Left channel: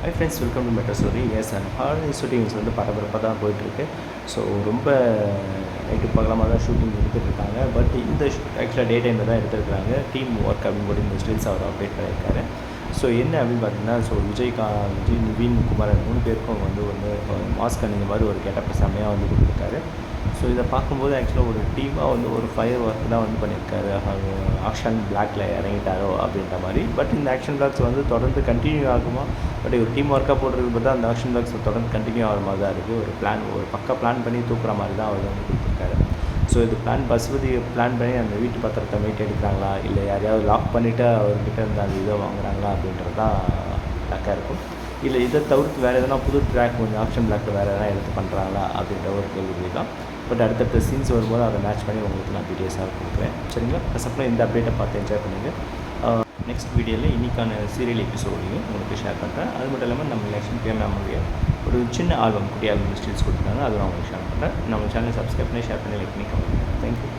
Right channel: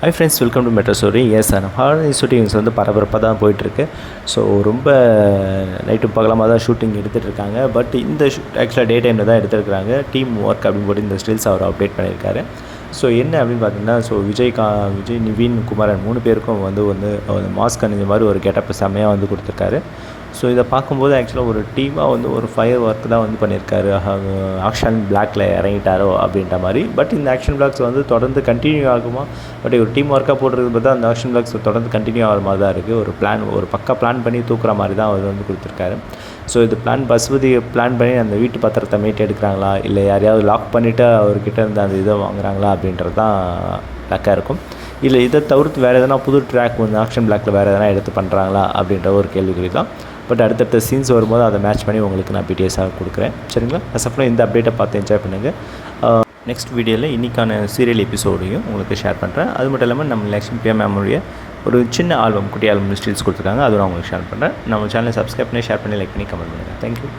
Hi friends welcome to metro story yes sir horror shootings வந்து பரபரப்பாக தான் போயிட்டுருக்கு. ஸோ ரொம்ப uh, நைட்டு பகலமாக தான் ஷூட்டிங் எடுத்துகிட்டு இருக்காங்க பட் இந்த ஷூட் ஆக்சுவலாக டே டைமில் தான் எடுத்துருக்காங்க டீம் ஒர்க் அப்படின்னு போட்டு இந்த ஸ்டில்ஸ் அவர் அப்டேட் பண்ணியிருக்காரு. ஸோ என்ன அப்படின்னு பார்த்தீங்கன்னா ஸோ விஜய் கா விஜய் நிவீன் குமாரன் மூணு பேருக்கும் வந்து வந்து மாஸ்க் அணிஞ்ச மாதிரி ஒரு கெட்டப் செம்மையாக வந்து கொடுத்துருக்காரு. ஸோ இதை பார்க்கும்போது ஆக்சுவலாக ஒரு டீமாக வந்து ஒரு ஃபயர் ஒர்க் தான் வந்து பண்ணியிருக்காரு. ஆக்ஷன் பிளாக்ல இறங்கிட்டாரோ அப்படின்ற மாதிரி. பட் இந்த ஆக்ஷன் பிளாக்ஸ் வந்து தொடர்ந்து கண்டினியூ ஆகுமா? பட் ஒரு டீம் ஒர்க்காக போடுறது பார்த்தா அந்த ஆக்ஷன் பிளாக்ஸ் தொடர்ந்து கண்டினியூ ஆகிற மாதிரி தான் இருக்குது ஒரு பிளான் ஒரு பக்கா பிளான் பண்ணி தூக்குற மாதிரி தான் அவர் வந்து கொடுத்துருக்காரு. ஸோ இது பிளான் பசுபதி பிளான் பண்ணி அந்த வீட்டு பத்திரத்தை மீட்டு எடுக்கிறாங்களா? இல்லை யாரையாவது லாக் பண்ணிவிட்டு அவர்கிட்ட இருந்து அந்த இதை வாங்குறாங்களா? அப்படின்றது தான் பேக்காக இருக்கும். இல்லை இதை தவிர்த்து வேறு எதனா புது ட்ராக் வந்து ஆக்ஷன் பிளாக்கில் வேறு எதனா எடுத்து பண்ணுறாங்களா அப்படின்ற ஒரு கேள்விக்குறி தான் பட் அடுத்தடுத்த சீன்ஸ் வரும்போது அதை மேட்ச் பண்ணி உங்களுக்கு நான் பிடிஎஸாக கொடுக்குறேன். சரிங்களா? அதுக்கப்புறம் இந்த அப்டேட்டை பார்த்து என்ஜாய் பண்ணுங்கள் நெக்ஸ்ட் வீடியோவில் இன்றைக்கான சீரியல் எபிசோடையும் உங்களுக்கு ஷேர் பண்ணுறேன் அது மட்டும் இல்லாமல் நம்ம லக்ஷ்மி பிரியா மேமுடைய ஒரு சின்ன ஆல்பம் குட்டி ஆல்பம் ஸ்டில்ஸ் கொடுத்துருக்காங்க. அதுவும் நான் உங்களுக்கு ஷேர் பண்ணுறேன் நம்ம சேனலை சப்ஸ்கிரைப் பண்ணி ஷேர் பண்ணி லைக் பண்ணி கமெண்ட் பண்ணுங்கள் தேங்க்யூ